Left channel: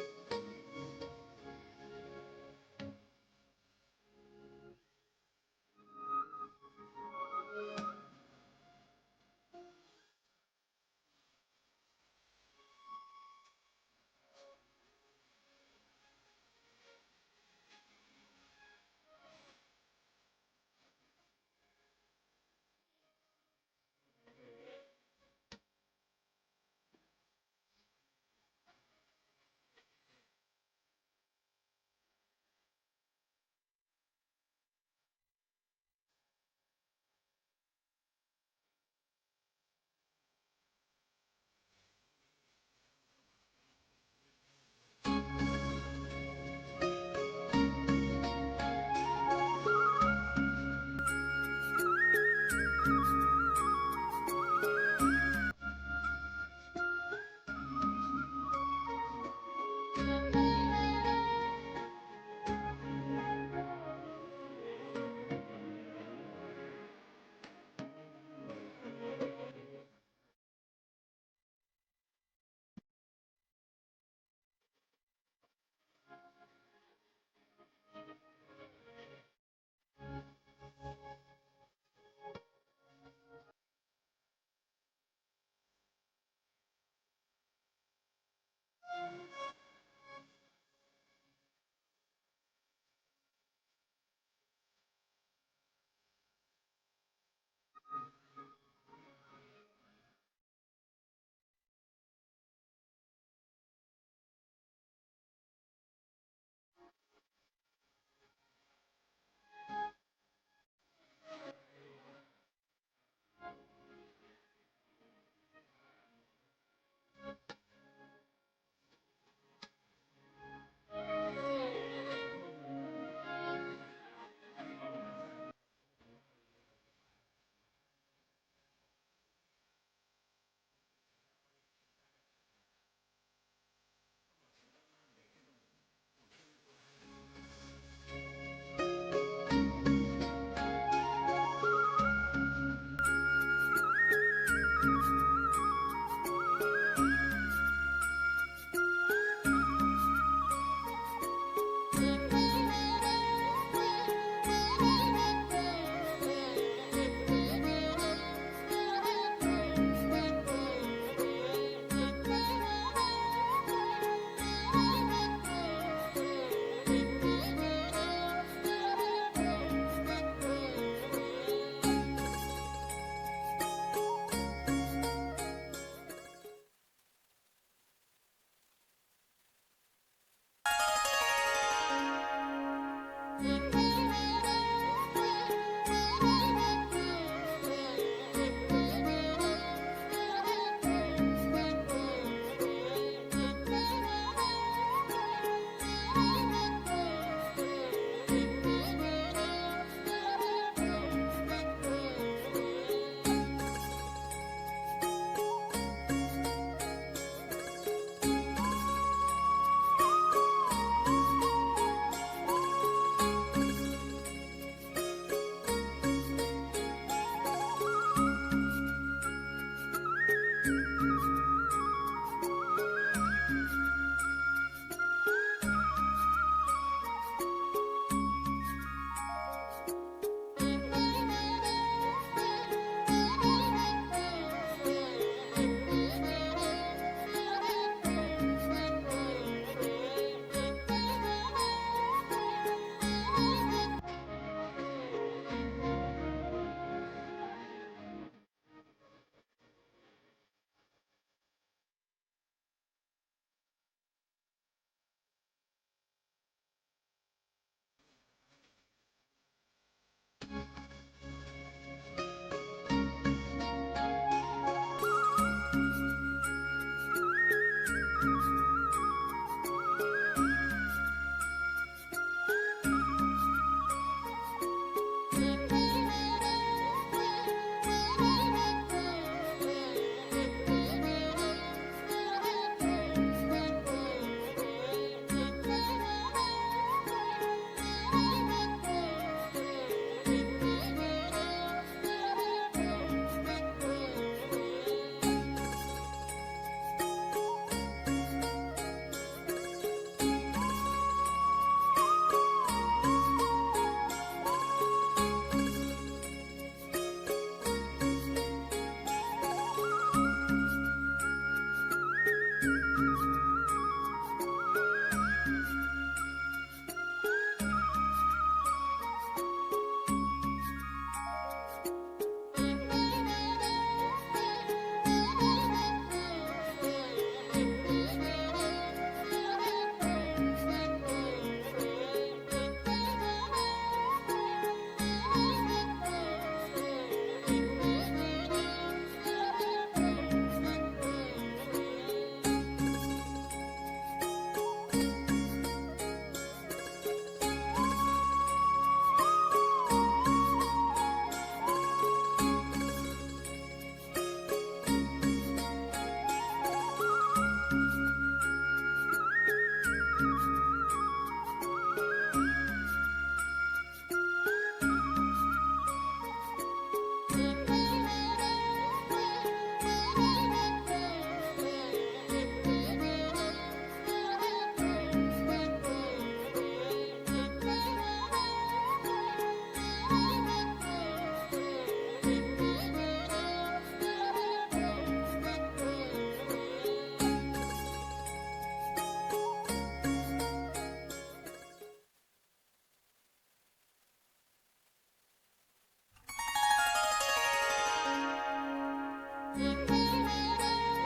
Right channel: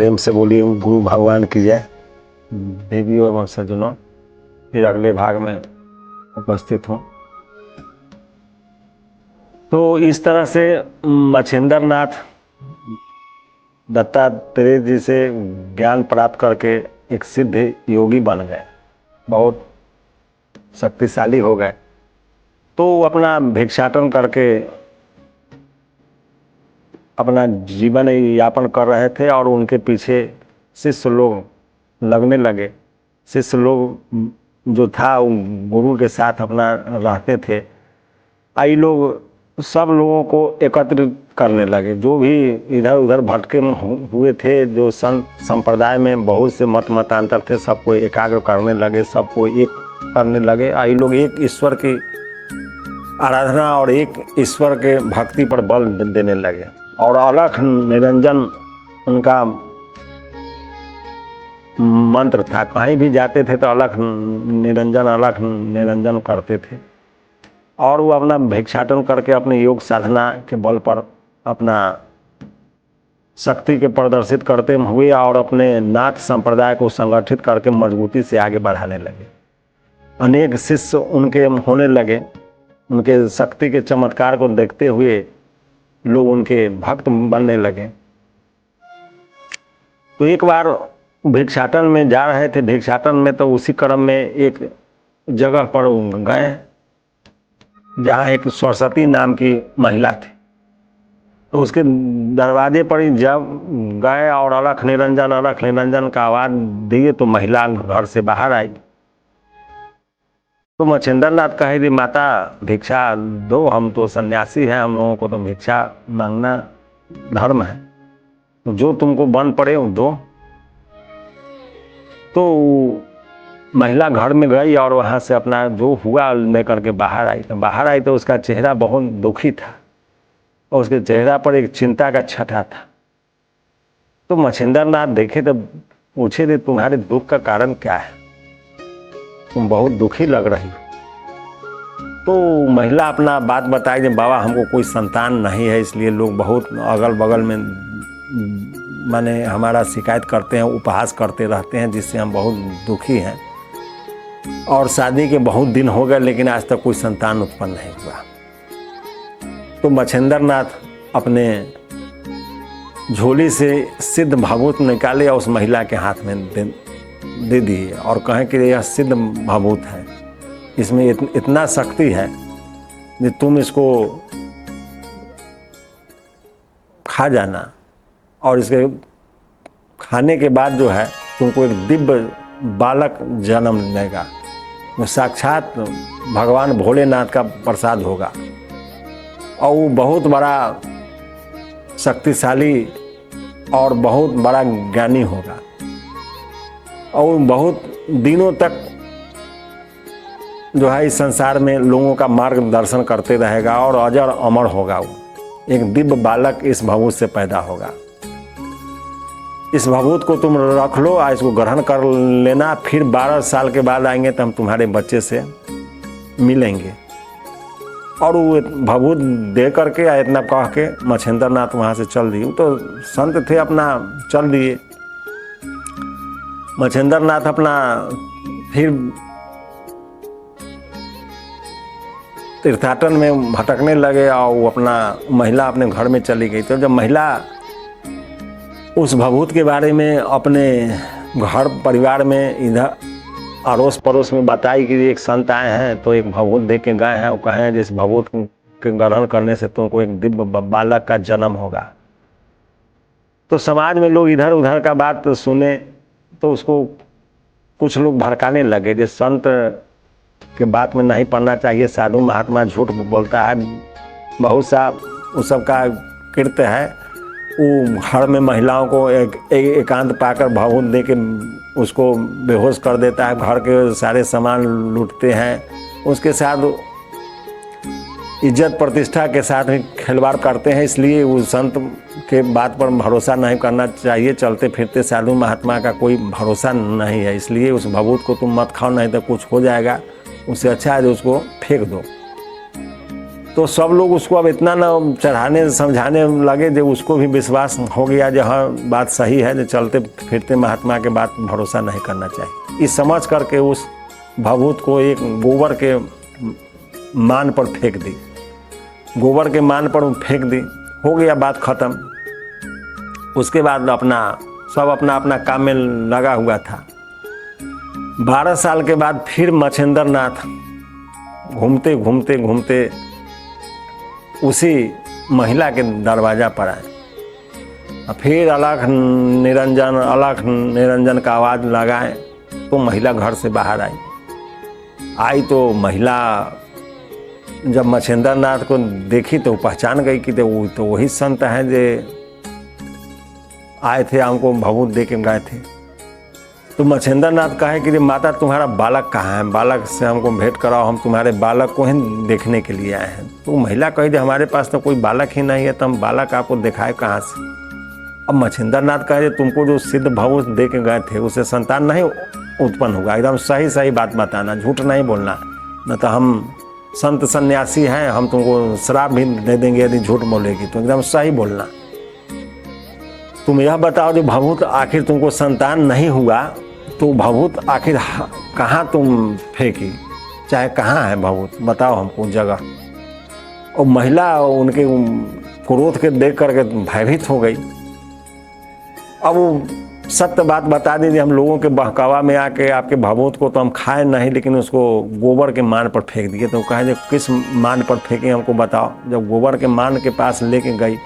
प्रेम से बोलिए गुरु भगवान की जय। देवियों एवं सज्जनों, फिर अगले भाग में उपस्थित हूँ। तो इस तरह से मच्छिंद्र नाथ दत्तात्रेय जी से ज्ञान प्राप्त करके एक सिद्ध योगी बन गए, बहुत शक्तिशाली हो गए। तो अपना भिक्षाटन करके अपना जीवन यापन कर रहे थे और उनके पीछे शिष्य लोग लगने लगे। शिष्य लोग जो था गुरु के साथ अपना रहते थे। आई लोग सब लोगों को एकत्रित करने लगे, जो भी इधर उधर भटके हुए थे, जो संत संप्रदाय में बहुत से मतांतर थे, सबको एकाग्र करने लगे, सबको एक करने लगे। आई लोग एक ईश्वर की आराधना और एक ईश्वर के भक्ति पर बल देने लगे। और अलख निरंजन उनका मंत्र था, कहीं भी जाते थे तो अलख निरंजन करते थे। और वो अपना भिक्षाटन करके अपने योग साधना के बल पर अपना शक्ति के प्रदर्शित करते हुए और अपने नाथ संप्रदाय को संगठित करके मजबूती से आगे बढ़ाने लगे। अनेक शिष्य उनके होने लगे। उनके शक्ति के चमत्कार को देखते हुए लोग उनके भक्त बनने लगे। तो एक बार भिक्षाटन में जा रहे थे, भिक्षाटन में तो उसी क्रम में एक जगह पर गए जहाँ एक सरस्वती नाम की महिला थी। तो उसके दरवाजे पर ही जब गए और अलख निरंजन का आवाज दिए तो महिला घर से बाहर आई। तो मच्छिंद्र नाथ कहे दी माता भिक्षा दो, हम तो सन्यासी हैं, हम लोगों को तो भिक्षा मांगना धर्म है, तो जो तुमको बन पड़े वो दो। तो महिला घर में गई और वहाँ से अपना जो हुआ लेकर के बाहर आई तो उसका चेहरा बहुत दुखी था और उसके चेहरा पर एक चिंता का छटा था। तो मच्छिंद्र नाथ देखे तो पूछे थे तुम्हारे दुख का कारण क्या है, तुम बहुत दुखी लग रही हो। तो महिला अपना बात बताई कि बाबा हमको कोई संतान नहीं है, इसलिए लोग बहुत अगल बगल में माने हमारा शिकायत करते हैं, उपहास करते रहते हैं, जिससे हम बहुत दुखी हैं। और शादी के बहुत दिन हो गए लेकिन आज तक कोई संतान उत्पन्न नहीं हुआ। तो मच्छिंद्र नाथ अपने झोली से सिद्ध भाभूत निकाले और उस महिला के हाथ में दे दिए और कहें कि यह सिद्ध भाभूत है, इसमें इतना शक्ति है कि तुम इसको खा जाना और इसके खाने के बाद जो है तुमको एक दिव्य बालक जन्म लेगा, वो साक्षात भगवान भोलेनाथ का प्रसाद होगा और वो बहुत बड़ा शक्तिशाली और बहुत बड़ा ज्ञानी होगा और बहुत दिनों तक जो है इस संसार में लोगों का मार्गदर्शन करते रहेगा और अजर अमर होगा। वो एक दिव्य बालक इस भभूत से पैदा होगा। इस भभूत को तुम रख लो और इसको ग्रहण कर लेना, फिर 12 साल के बाद आएंगे तो हम तुम्हारे बच्चे से मिलेंगे। और वो भभूत दे करके इतना कह के मच्छिंद्र नाथ वहाँ से चल दिए। तो संत थे अपना चल दिए। मच्छिंद्र नाथ अपना फिर तीर्थाटन में भटकने लगे और वो अपना महिला अपने घर में चली गई। तो जब महिला उस भभूत के बारे में अपने घर परिवार में इधर अड़ोस पड़ोस में बताई कि एक संत आए हैं तो एक भभूत दे के गए हैं, वो कहें जिस भभूत के ग्रहण करने से तुमको एक दिव्य बालक का जन्म होगा। तो समाज में लोग इधर उधर का बात सुने तो उसको कुछ लोग भड़काने लगे, जिस संत के बात में नहीं पढ़ना चाहिए, साधु महात्मा झूठ बोलता है, बहुत सा उस सब का कृत्य है। वो घर में महिलाओं को एकांत पाकर भभूत दे के उसको बेहोश कर देता है, घर के सारे सामान लूटते हैं, उसके साथ इज्जत प्रतिष्ठा के साथ खिलवाड़ करते हैं। इसलिए उस संत के बात पर भरोसा नहीं करना चाहिए। चलते फिरते साधु महात्मा का कोई भरोसा नहीं है, इसलिए उस भभूत को तुम मत खाओ, नहीं तो कुछ हो जाएगा, उससे अच्छा है उसको फेंक दो। तो सब लोग उसको अब इतना ना चढ़ाने समझाने लगे जो उसको भी विश्वास हो गया जो हाँ बात सही है, जो चलते फिरते महात्मा के बात भरोसा नहीं करना चाहिए। इस समझ करके उस भभूत को एक गोबर के मान पर फेंक दी, गोबर के मान पर फेंक दी, हो गया बात खत्म। उसके बाद सब अपना अपना काम में लगा हुआ था। 12 साल के बाद फिर मच्छिंद्र नाथ घूमते घूमते घूमते उसी महिला के दरवाजा पर आए। फिर अलख निरंजन का आवाज़ लगाए तो महिला घर से बाहर आई तो महिला जब मच्छिंद्र नाथ को देखी तो पहचान गई कि तो वही संत हैं जो आए थे, हमको भभूत दे के गए थे। तो मच्छिंद्र नाथ कहे कि माता तुम्हारा बालक कहाँ है, बालक से हमको भेंट कराओ, हम तुम्हारे बालक को ही देखने के लिए आए हैं। तो महिला कही हमारे पास तो कोई बालक ही नहीं है, तो हम बालक आपको दिखाए कहाँ से। अब मच्छिंद्र नाथ कहे तुमको जो सिद्ध भभूत दे के गए थे उससे संतान नहीं उत्पन्न होगा, एकदम सही सही बात बताना, झूठ नहीं बोलना, न तो हम संत सन्यासी हैं, हम तुमको श्राप भी दे देंगे यदि झूठ बोलेगी, तो एकदम सही बोलना। तुम यह बताओ जो भभूत आखिर तुमको संतान नहीं हुआ तो भभूत आखिर कहाँ तुम फेंकी, चाहे कहाँ है भभूत, बताओ हमको जगह। और महिला उनके क्रोध के देख करके भयभीत हो गई। अब वो सत्य बात बता दीजिए, हम लोगों के बहकावा में आके आपके भभूत को तो हम खाए नहीं, लेकिन उसको गोबर के मान पर फेंक दिए। तो कहे जब किस मान पर फेंके हमको बताओ। जब गोबर के मान के पास लेके गई,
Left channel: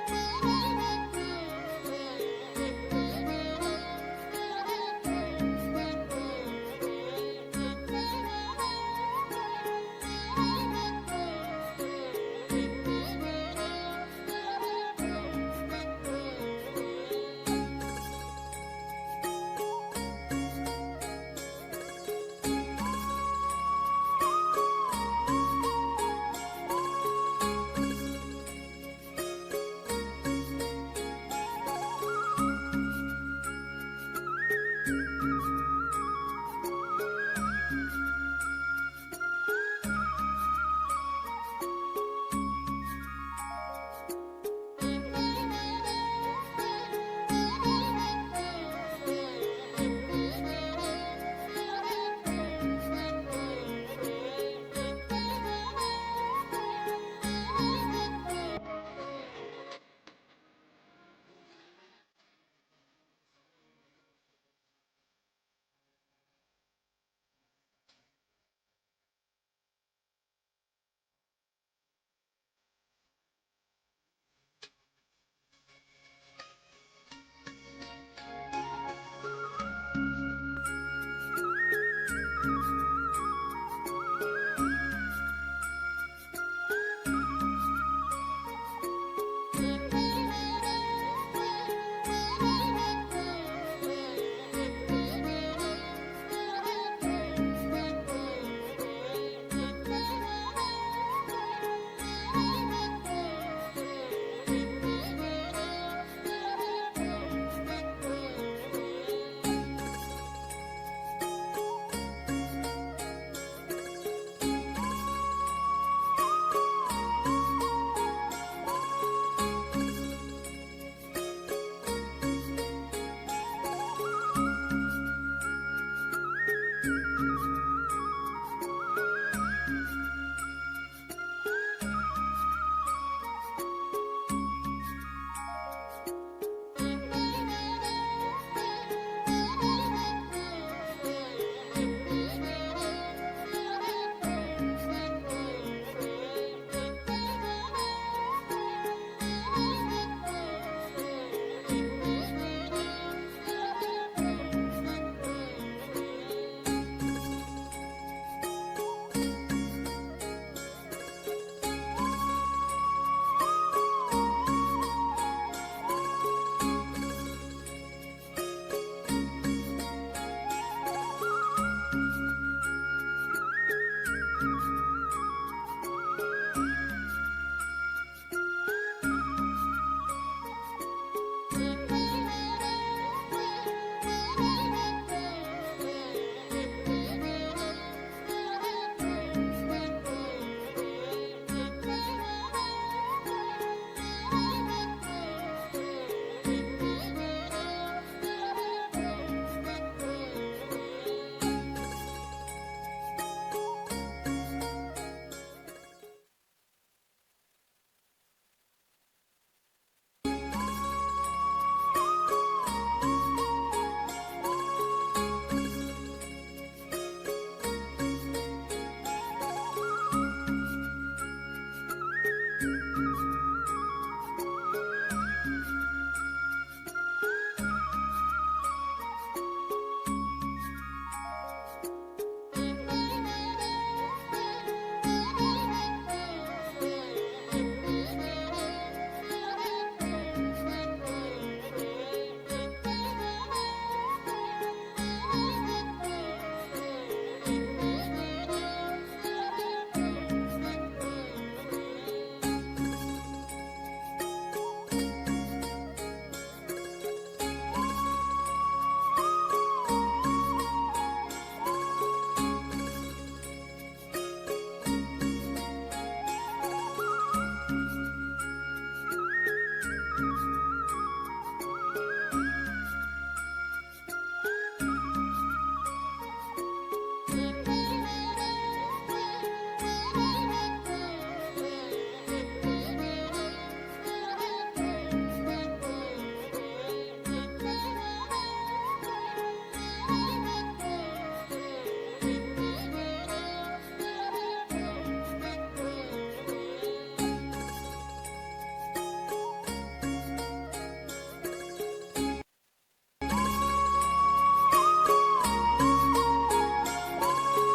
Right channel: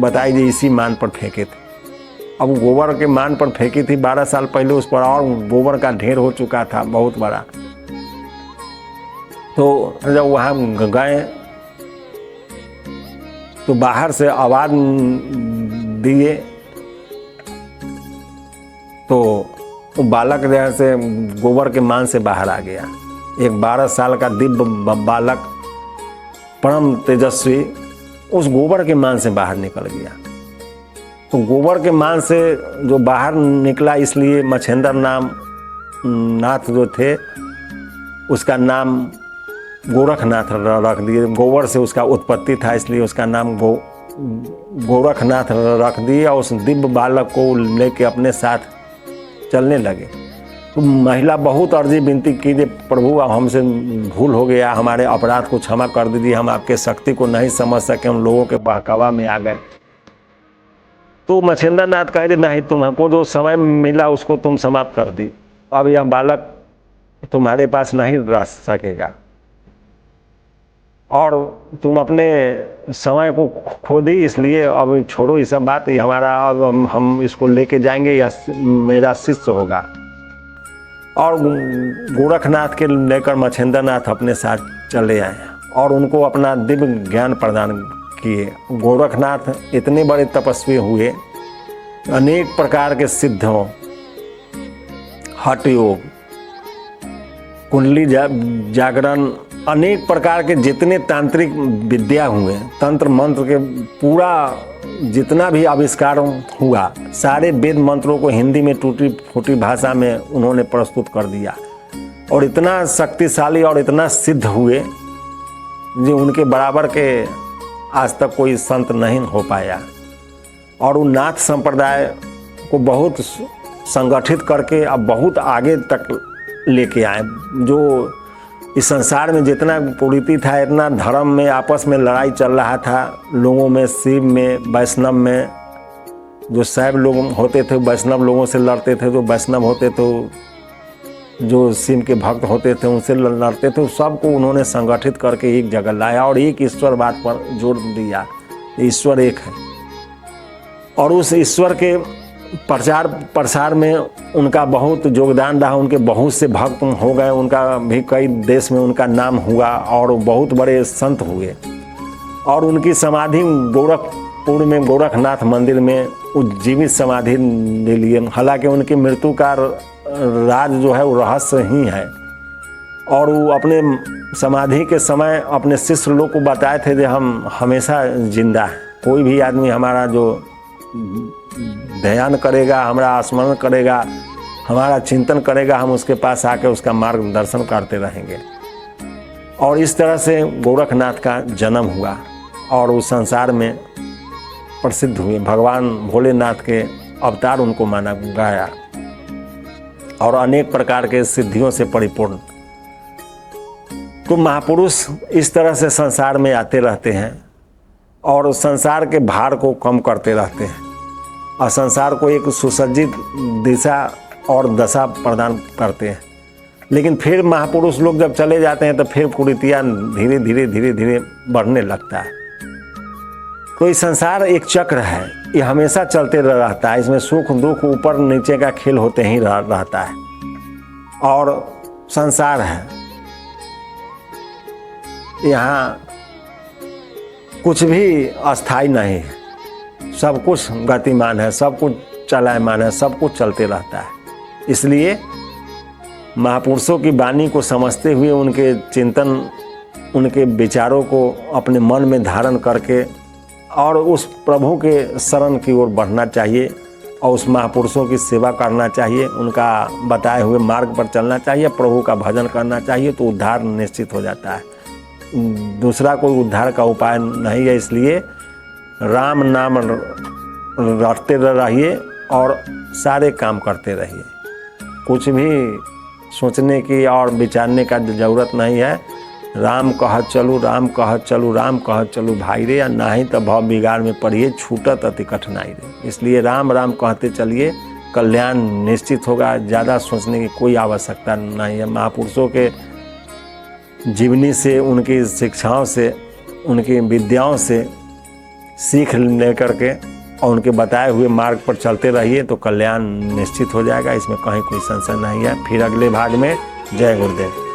बताई जी इसी मान पर फेंके थे। अब गोबर के मान पर फेंकी थी 12 साल पहले, उस पर और गोबर का ढेर हो चुका था बहुत बड़ा। तो जब वहाँ गए तो बाहर से आवाज दिए तो वो बालक जैसे गोबर के मान से बाहर आ गया। एक 12 साल का दिव्य बालक परम तेजस्वी उस गोबर के मान से बाहर निकल गया। तो गोबर के मान से जो बाहर निकला, इसलिए मच्छिंद्र नाथ जो थे उसका नाम गोरखनाथ रख दिए। गोबर से उसका उत्पत्ति था, इसलिए उसका नाम गोरखनाथ रख दिया। उस दिव्य बालक को लेके अपने साथ चलने लगे। तो महिला बहुत अर्जी विनती कीजिए, प्रभु हमसे भूल हो गया, हमारे अपराध को क्षमा कर दीजिए, हम आपके शक्ति को नहीं समझ सके, हम लोगों के बहकावा में आ गए। तो मच्छिंद्र नाथ कहे नहीं, तुमको जो समय मिला उसको तुम समाप्त कर दी, अब यह बालक तुम्हारे पास नहीं रह सकेगा और तुम अपने समय को खो दी, इसलिए अब छोड़ो ये सब बात, ये हमारा अब हम इसको लेके जाएंगे, या मेरा शिष्य होगा। और गोरखनाथ के लेकर मच्छिंद्र नाथ अपने साथ चले आए और उनको अपना दिव्य ज्ञान प्रदान किए। गोरखनाथ इतने बड़े तपस्वी हुए, अनेक प्रकार के सिद्धों, हठ योग, कुंडली जागरण, अनेक प्रकार के जितने तांत्रिक विद्या हुए, तंत्र मंत्र के पूरा जितना भी आविष्कार हुआ, सारे वेद मंत्रों को हिंदी में टूटी फूटी भाषा में उन्होंने प्रस्तुत कर दिया। और इतना शक्तिशाली और इतना सिद्ध हुए जो उनके बराबर के आज तक कोई संत नहीं हो पाया। और उन नाथ संप्रदाय को बहुत संगठित करके अब बहुत आगे तक लेके आए। जो इस संसार में जितना कुरीति था, इतना धर्म में आपस में लड़ाई चल रहा था, लोगों में, शिव में, वैष्णव में, जो शैव लोग होते थे वैष्णव लोगों से लड़ते थे, जो वैष्णव होते थे जो शिव के भक्त होते थे उनसे लड़ते थे, सबको उन्होंने संगठित करके एक जगह लाया और एक ईश्वर बात पर जोर दिया, ईश्वर एक है। और उस ईश्वर के प्रचार प्रसार में उनका बहुत योगदान रहा, उनके बहुत से भक्त हो गए, उनका भी कई देश में उनका नाम हुआ और बहुत बड़े संत हुए। और उनकी समाधि गोरखपुर में गोरखनाथ मंदिर में उज्जीवित समाधि ले लिए। हालांकि उनकी मृत्यु का राज जो है वो रहस्य ही है। और वो अपने समाधि के समय अपने शिष्य लोग को बताए थे कि हम हमेशा जिंदा हैं, कोई भी आदमी हमारा जो ध्यान करेगा, हमारा स्मरण करेगा, हमारा चिंतन करेगा, हम उसके पास आके उसका मार्गदर्शन करते रहेंगे। और इस तरह से गोरखनाथ का जन्म हुआ और उस संसार में प्रसिद्ध हुए। भगवान भोलेनाथ के अवतार उनको माना गया और अनेक प्रकार के सिद्धियों से परिपूर्ण। तो महापुरुष इस तरह से संसार में आते रहते हैं और संसार के भार को कम करते रहते हैं और संसार को एक सुसज्जित दिशा और दशा प्रदान करते हैं। लेकिन फिर महापुरुष लोग जब चले जाते हैं तो फिर कुरीतियाँ धीरे धीरे बढ़ने लगता है। तो ये संसार एक चक्र है, ये हमेशा चलते रहता है। इसमें सुख दुख ऊपर नीचे का खेल होते ही रहता है और संसार है, यहाँ कुछ भी अस्थाई नहीं है, सब कुछ गतिमान है, सब कुछ चलायमान है, सब कुछ चलते रहता है। इसलिए महापुरुषों की वाणी को समझते हुए उनके चिंतन, उनके विचारों को अपने मन में धारण करके और उस प्रभु के शरण की ओर बढ़ना चाहिए और उस महापुरुषों की सेवा करना चाहिए, उनका बताए हुए मार्ग पर चलना चाहिए, प्रभु का भजन करना चाहिए, तो उद्धार निश्चित हो जाता है। दूसरा कोई उद्धार का उपाय नहीं है। इसलिए राम नाम रटते रहिए और सारे काम करते रहिए। कुछ भी सोचने की और विचारने का ज़रूरत नहीं है। राम कहत चलू, राम कहत चलू, राम कहत चलू भाई रे, या नहीं तो भाव बिगाड़ में पड़िए, छूटत अति कठिनाई रे। इसलिए राम राम कहते चलिए, कल्याण निश्चित होगा। ज़्यादा सोचने की कोई आवश्यकता नहीं है। महापुरुषों के जीवनी से, उनकी शिक्षाओं से, उनकी विद्याओं से सीख लेकर के और उनके बताए हुए मार्ग पर चलते रहिए तो कल्याण निश्चित हो जाएगा। इसमें कहीं कोई संशय नहीं है। फिर अगले भाग में जय गुरुदेव।